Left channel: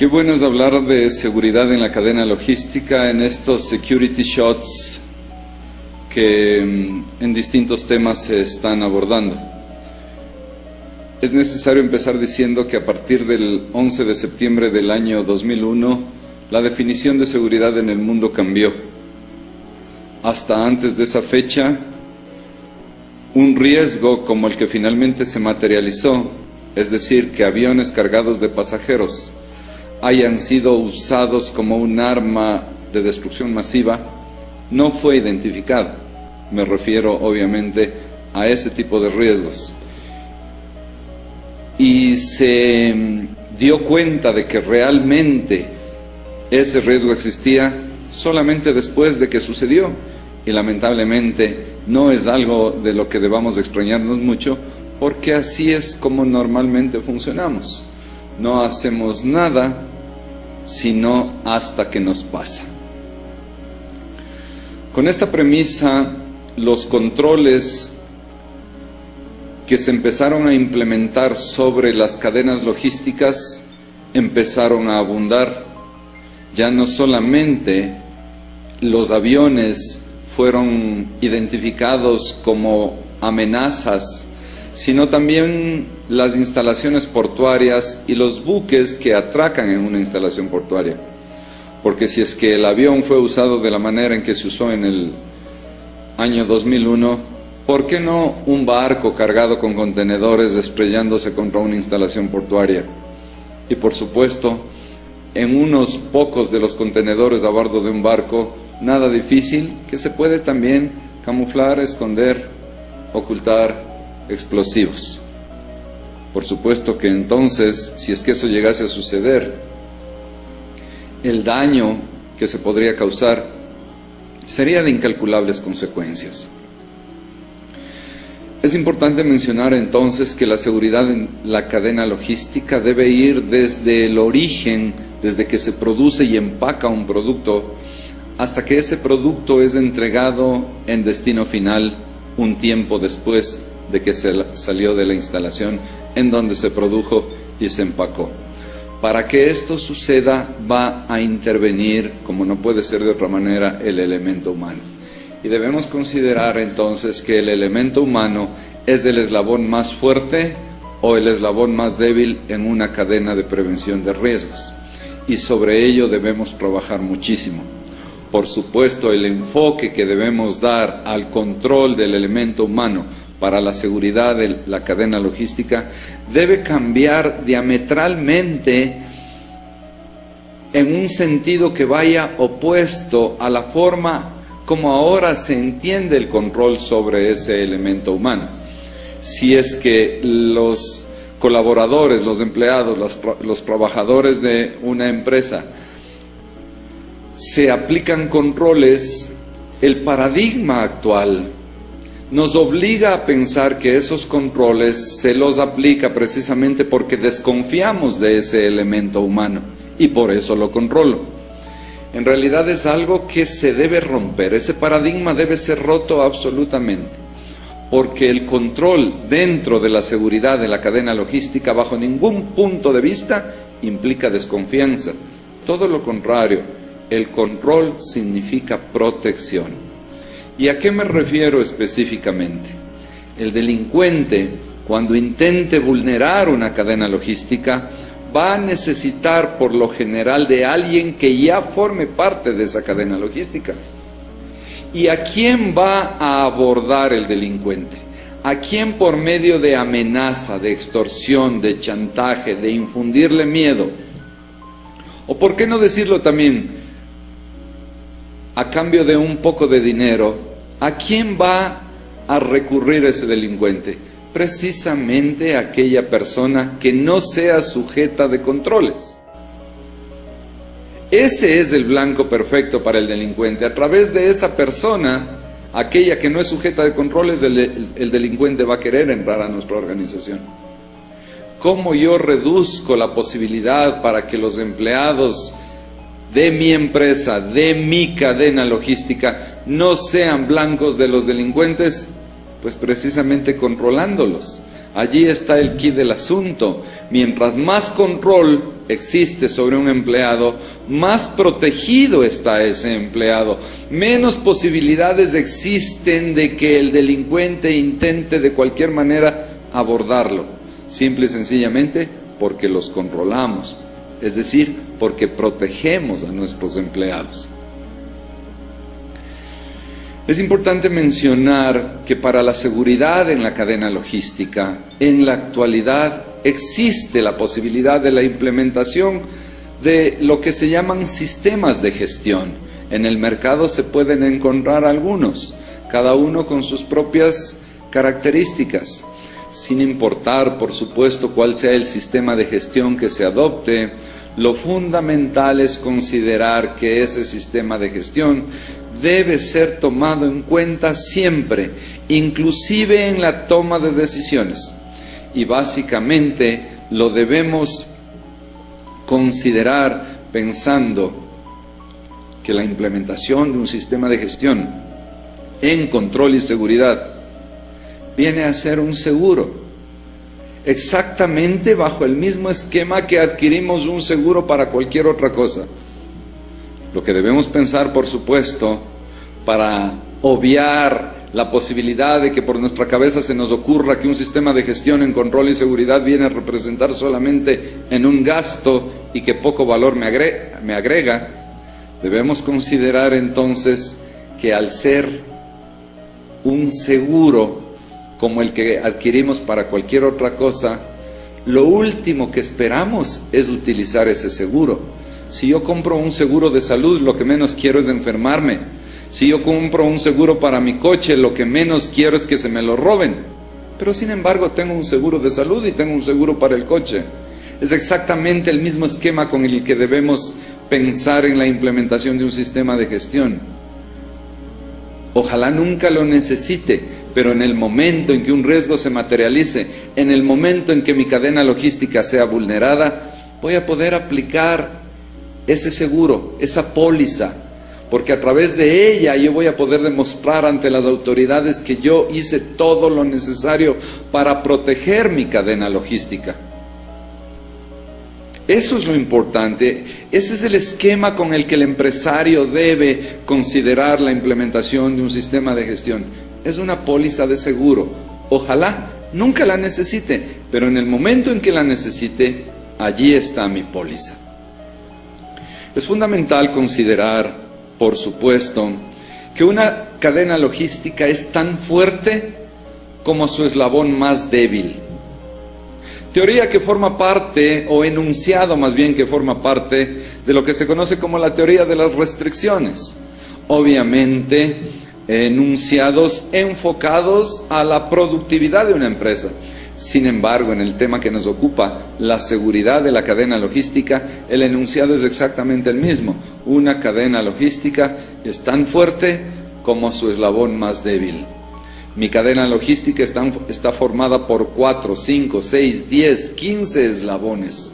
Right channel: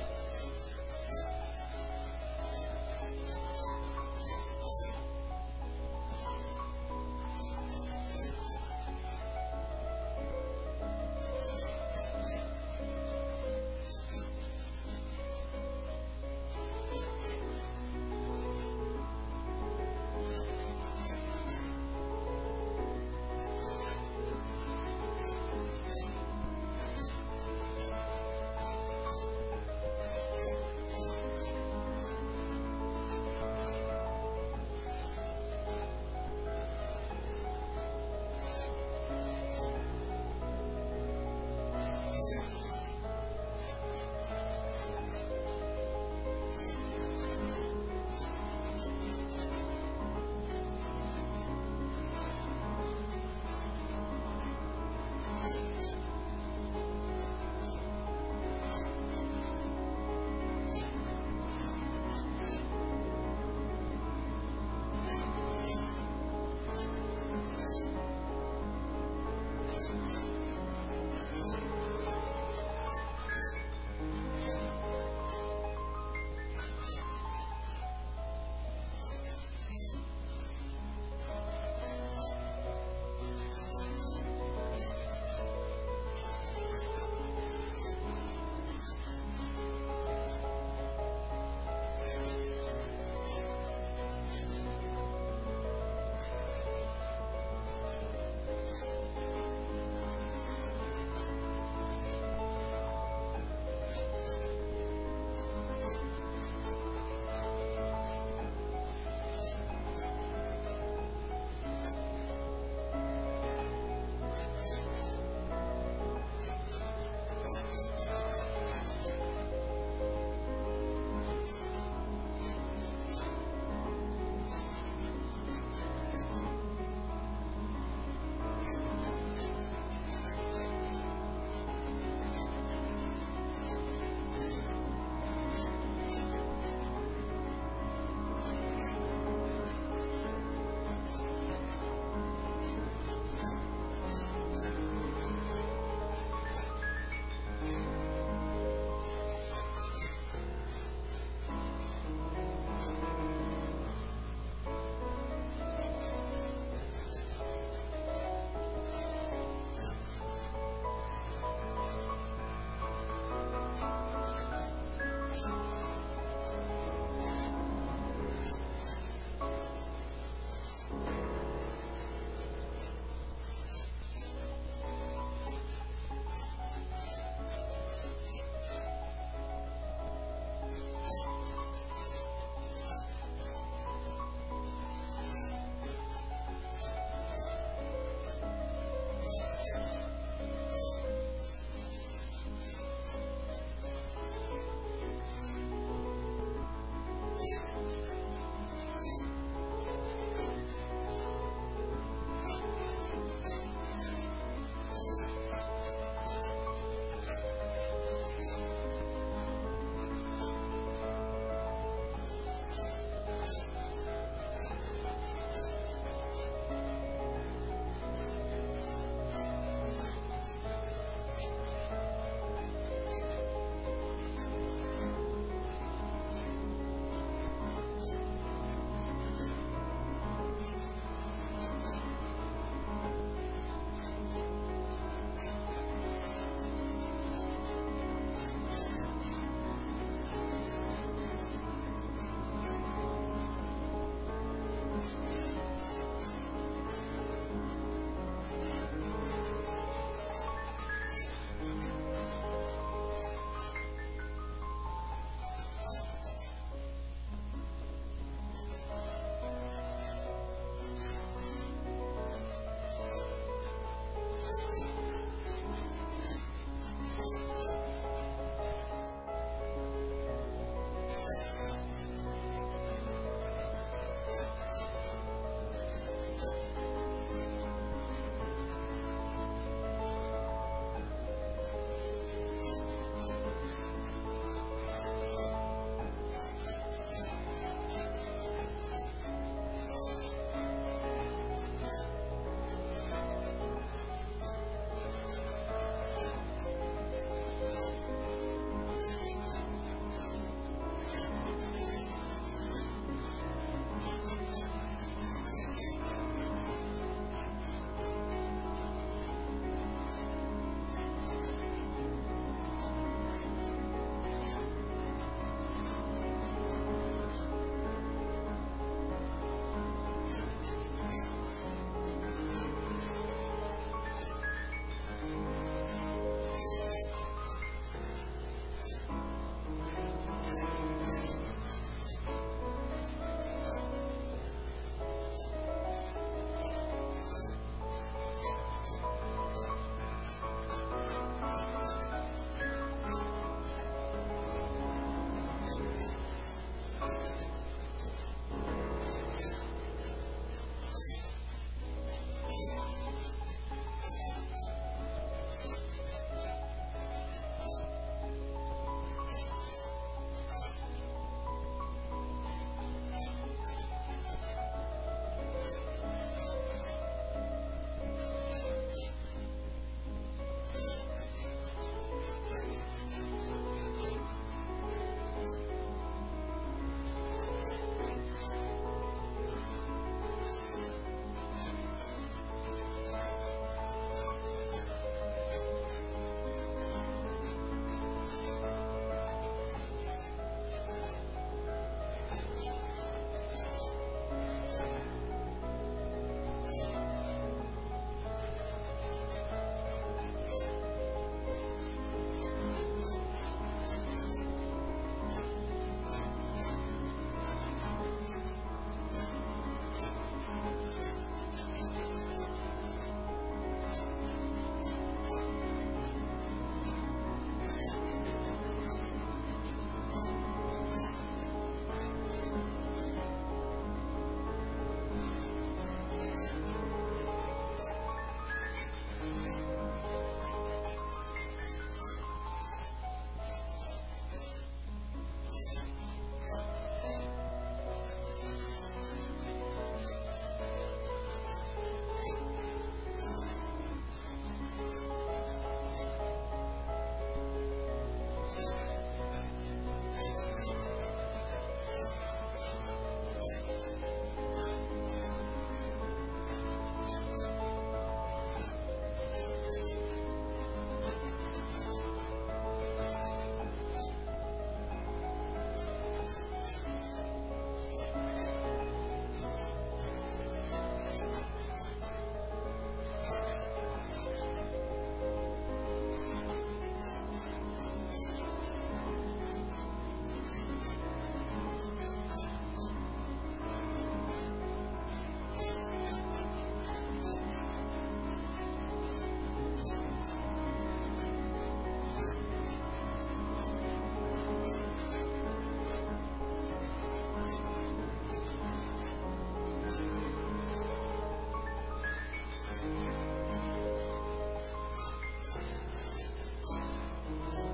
Qué bueno es hablar de seguridad en la cadena logística en estos security shots que en distintos temas se están abordando. Es necesario empezar diciendo que a partir del 11 de septiembre del año 2001, la definición de seguridad en el mundo cambió. Hasta antes de esa fecha, un riesgo como el que finalmente se materializó, es decir, que aviones cargados de pasajeros hayan sido usados como un arma de destrucción masiva, no fue identificado. Me refiero obviamente a ese tipo de riesgos. Y se dio cuenta de que realmente ese riesgo existía solamente después de que sucedió. Y lamentablemente no es algo de lo que debamos extrañarnos mucho, porque así es como normalmente funcionamos. No hacemos nada sino hasta que nos pasa. Con esta premisa, los controles que se empezaron a implementar sobre las cadenas logísticas empezaron a abundar. Ya no solamente los aviones fueron identificados como amenazas, sino también las instalaciones portuarias y los buques que atracan en una instalación portuaria. Porque si es que el avión fue usado de la manera en que se usó en el año 2001, ¿por qué no un barco cargado con contenedores estrellándose contra una instalación portuaria? Y por supuesto, en unos pocos de los contenedores a bordo de un barco, nada difícil, que se puede también camuflar, esconder, ocultar explosivos. Por supuesto que entonces, si es que eso llegase a suceder, el daño que se podría causar sería de incalculables consecuencias. Es importante mencionar entonces que la seguridad en la cadena logística debe ir desde el origen, desde que se produce y empaca un producto, hasta que ese producto es entregado en destino final un tiempo después de que se salió de la instalación en donde se produjo y se empacó. Para que esto suceda va a intervenir, como no puede ser de otra manera, el elemento humano. Y debemos considerar entonces que el elemento humano es el eslabón más fuerte o el eslabón más débil en una cadena de prevención de riesgos. Y sobre ello debemos trabajar muchísimo. Por supuesto, el enfoque que debemos dar al control del elemento humano para la seguridad de la cadena logística debe cambiar diametralmente en un sentido que vaya opuesto a la forma como ahora se entiende el control sobre ese elemento humano. Si es que los colaboradores, los empleados, los trabajadores de una empresa se aplican controles, el paradigma actual nos obliga a pensar que esos controles se los aplica precisamente porque desconfiamos de ese elemento humano y por eso lo controlo. En realidad es algo que se debe romper, ese paradigma debe ser roto absolutamente, porque el control dentro de la seguridad de la cadena logística bajo ningún punto de vista implica desconfianza. Todo lo contrario, el control significa protección. ¿Y a qué me refiero específicamente? El delincuente, cuando intente vulnerar una cadena logística, va a necesitar por lo general de alguien que ya forme parte de esa cadena logística. ¿Y a quién va a abordar el delincuente? ¿A quién por medio de amenaza, de extorsión, de chantaje, de infundirle miedo? O por qué no decirlo también, a cambio de un poco de dinero, ¿a quién va a recurrir ese delincuente? Precisamente a aquella persona que no sea sujeta de controles. Ese es el blanco perfecto para el delincuente. A través de esa persona, aquella que no es sujeta de controles, el delincuente va a querer entrar a nuestra organización. ¿Cómo yo reduzco la posibilidad para que los empleados de mi empresa, de mi cadena logística, no sean blancos de los delincuentes? Pues precisamente controlándolos, Allí está el quid del asunto. Mientras más control existe sobre un empleado, más protegido está ese empleado. Menos posibilidades existen de que el delincuente intente de cualquier manera abordarlo. Simple y sencillamente porque los controlamos. Es decir, porque protegemos a nuestros empleados. Es importante mencionar que para la seguridad en la cadena logística, en la actualidad existe la posibilidad de la implementación de lo que se llaman sistemas de gestión. En el mercado se pueden encontrar algunos, cada uno con sus propias características, sin importar, por supuesto, cuál sea el sistema de gestión que se adopte. Lo fundamental es considerar que ese sistema de gestión debe ser tomado en cuenta siempre, inclusive en la toma de decisiones. Y básicamente lo debemos considerar pensando que la implementación de un sistema de gestión en control y seguridad viene a ser un seguro, exactamente bajo el mismo esquema que adquirimos un seguro para cualquier otra cosa. Lo que debemos pensar, por supuesto, para obviar la posibilidad de que por nuestra cabeza se nos ocurra que un sistema de gestión en control y seguridad viene a representar solamente en un gasto y que poco valor me agrega, debemos considerar entonces que al ser un seguro como el que adquirimos para cualquier otra cosa, lo último que esperamos es utilizar ese seguro. Si yo compro un seguro de salud, lo que menos quiero es enfermarme. Si yo compro un seguro para mi coche, lo que menos quiero es que se me lo roben. Pero sin embargo tengo un seguro de salud y tengo un seguro para el coche. Es exactamente el mismo esquema con el que debemos pensar en la implementación de un sistema de gestión. Ojalá nunca lo necesite, pero en el momento en que un riesgo se materialice, en el momento en que mi cadena logística sea vulnerada, voy a poder aplicar ese seguro, esa póliza, porque a través de ella yo voy a poder demostrar ante las autoridades que yo hice todo lo necesario para proteger mi cadena logística. Eso es lo importante, ese es el esquema con el que el empresario debe considerar la implementación de un sistema de gestión. Es una póliza de seguro. Ojalá nunca la necesite, pero en el momento en que la necesite, allí está mi póliza. Es fundamental considerar, por supuesto, que una cadena logística es tan fuerte como su eslabón más débil. Teoría que forma parte, o enunciado más bien que forma parte, de lo que se conoce como la teoría de las restricciones. Obviamente, enunciados enfocados a la productividad de una empresa. Sin embargo, en el tema que nos ocupa, la seguridad de la cadena logística, el enunciado es exactamente el mismo. Una cadena logística es tan fuerte como su eslabón más débil. Mi cadena logística está formada por 4, 5, 6, 10, 15 eslabones.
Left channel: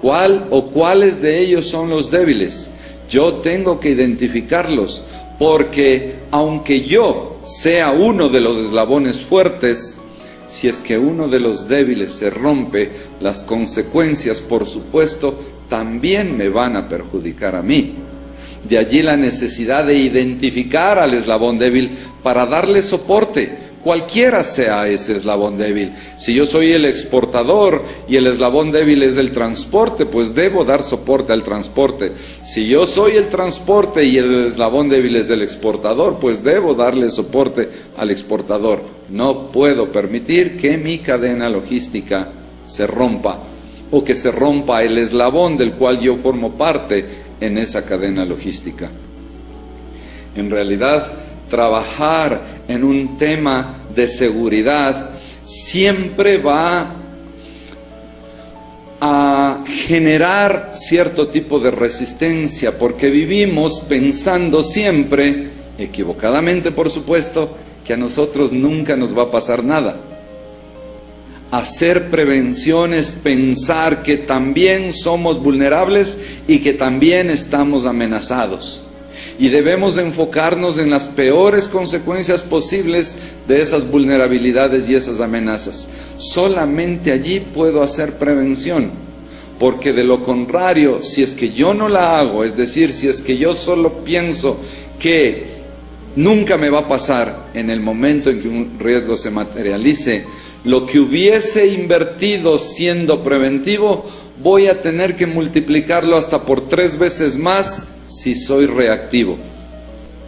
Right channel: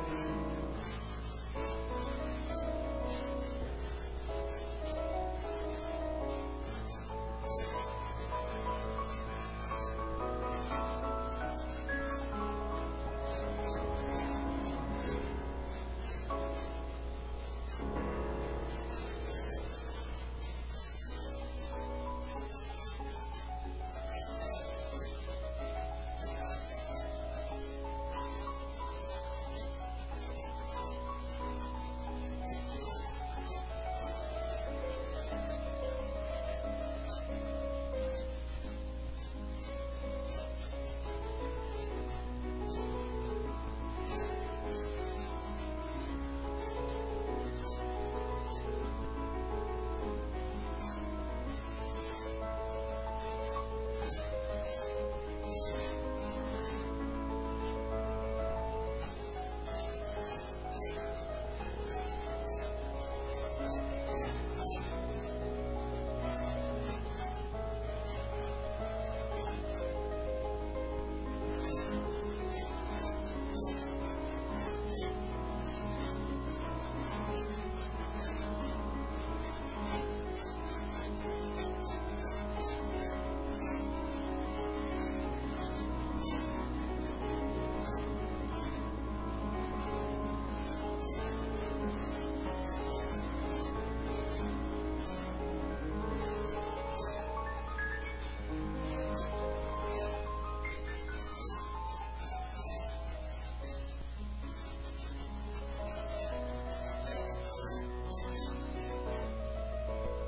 ¿Cuál o cuáles de ellos son los débiles? Yo tengo que identificarlos, porque aunque yo sea uno de los eslabones fuertes, si es que uno de los débiles se rompe, las consecuencias, por supuesto, también me van a perjudicar a mí. De allí la necesidad de identificar al eslabón débil para darle soporte, cualquiera sea ese eslabón débil. Si yo soy el exportador y el eslabón débil es el transporte, pues debo dar soporte al transporte. Si yo soy el transporte y el eslabón débil es el exportador, pues debo darle soporte al exportador. No puedo permitir que mi cadena logística se rompa, o que se rompa el eslabón del cual yo formo parte en esa cadena logística. En realidad, trabajar en un tema de seguridad siempre va a generar cierto tipo de resistencia, porque vivimos pensando siempre, equivocadamente por supuesto, que a nosotros nunca nos va a pasar nada. Hacer prevención es pensar que también somos vulnerables y que también estamos amenazados. y debemos enfocarnos en las peores consecuencias posibles de esas vulnerabilidades y esas amenazas. Solamente allí puedo hacer prevención, porque de lo contrario, si es que yo no la hago, es decir, si es que yo solo pienso que nunca me va a pasar, en el momento en que un riesgo se materialice, lo que hubiese invertido siendo preventivo, voy a tener que multiplicarlo hasta por 3 veces más si soy reactivo.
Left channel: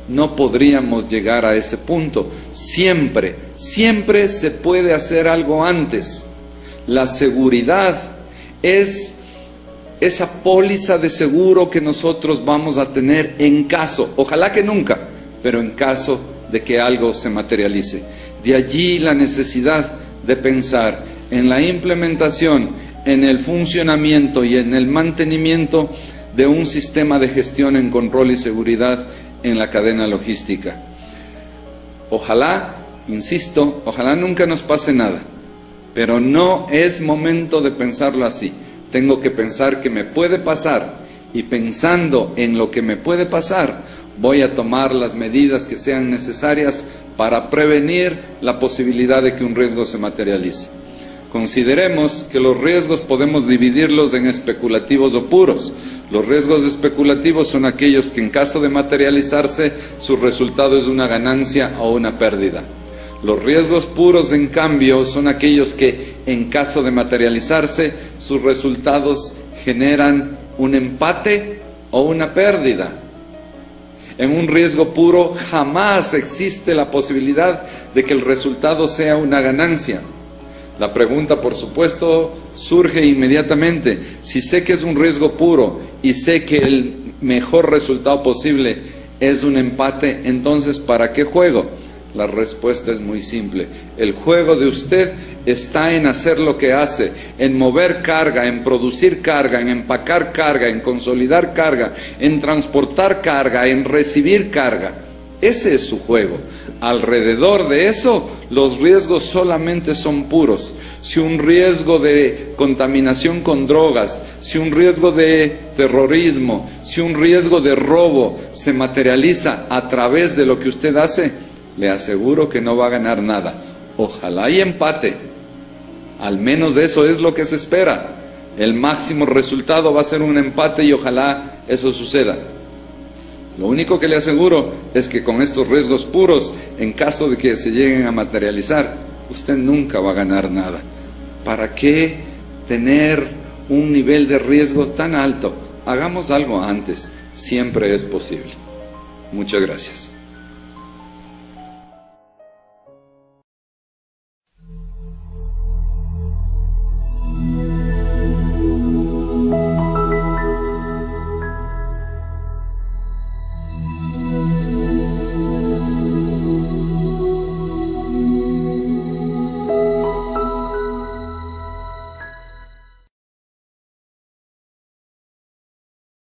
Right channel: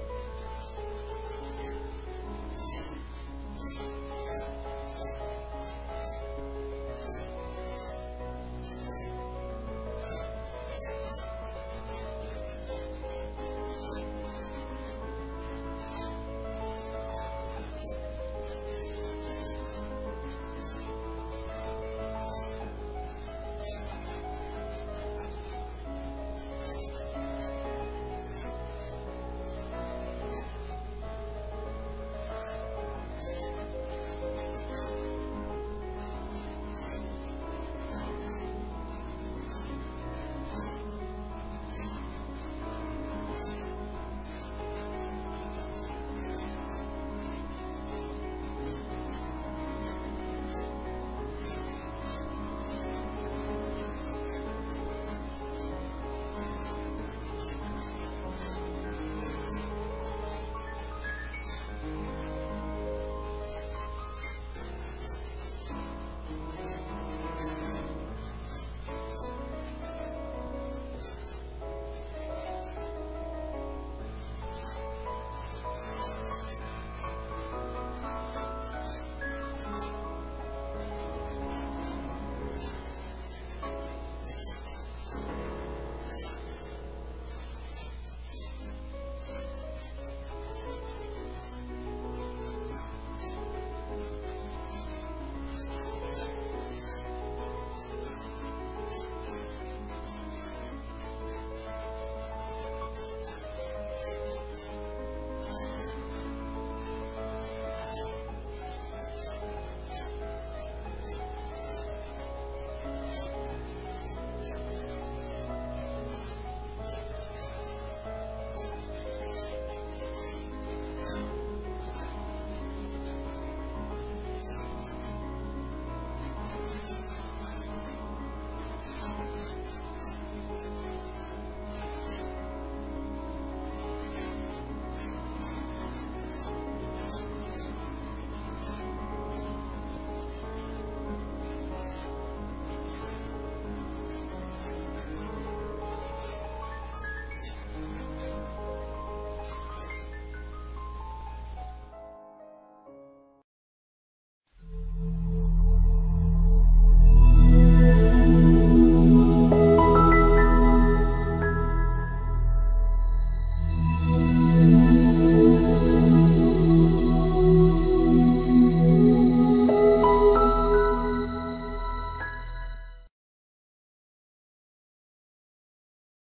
No podríamos llegar a ese punto. Siempre, siempre se puede hacer algo antes. La seguridad es esa póliza de seguro que nosotros vamos a tener en caso, ojalá que nunca, pero en caso de que algo se materialice. De allí la necesidad de pensar en la implementación, en el funcionamiento y en el mantenimiento de un sistema de gestión en control y seguridad en la cadena logística. Ojalá, insisto, ojalá nunca nos pase nada, pero no es momento de pensarlo así. Tengo que pensar que me puede pasar, y pensando en lo que me puede pasar, voy a tomar las medidas que sean necesarias para prevenir la posibilidad de que un riesgo se materialice. Consideremos que los riesgos podemos dividirlos en especulativos o puros. Los riesgos especulativos son aquellos que en caso de materializarse su resultado es una ganancia o una pérdida. Los riesgos puros, en cambio, son aquellos que en caso de materializarse sus resultados generan un empate o una pérdida. En un riesgo puro jamás existe la posibilidad de que el resultado sea una ganancia. La pregunta, por supuesto, surge inmediatamente. Si sé que es un riesgo puro y sé que el mejor resultado posible es un empate, entonces ¿para qué juego? La respuesta es muy simple. El juego de usted está en hacer lo que hace, en mover carga, en producir carga, en empacar carga, en consolidar carga, en transportar carga, en recibir carga. Ese es su juego. Alrededor de eso, los riesgos solamente son puros. Si un riesgo de contaminación con drogas, si un riesgo de terrorismo, si un riesgo de robo se materializa a través de lo que usted hace, le aseguro que no va a ganar nada. Ojalá y empate. Al menos eso es lo que se espera. El máximo resultado va a ser un empate y ojalá eso suceda. Lo único que le aseguro es que con estos riesgos puros, en caso de que se lleguen a materializar, usted nunca va a ganar nada. ¿Para qué tener un nivel de riesgo tan alto? Hagamos algo antes. Siempre es posible. Muchas gracias.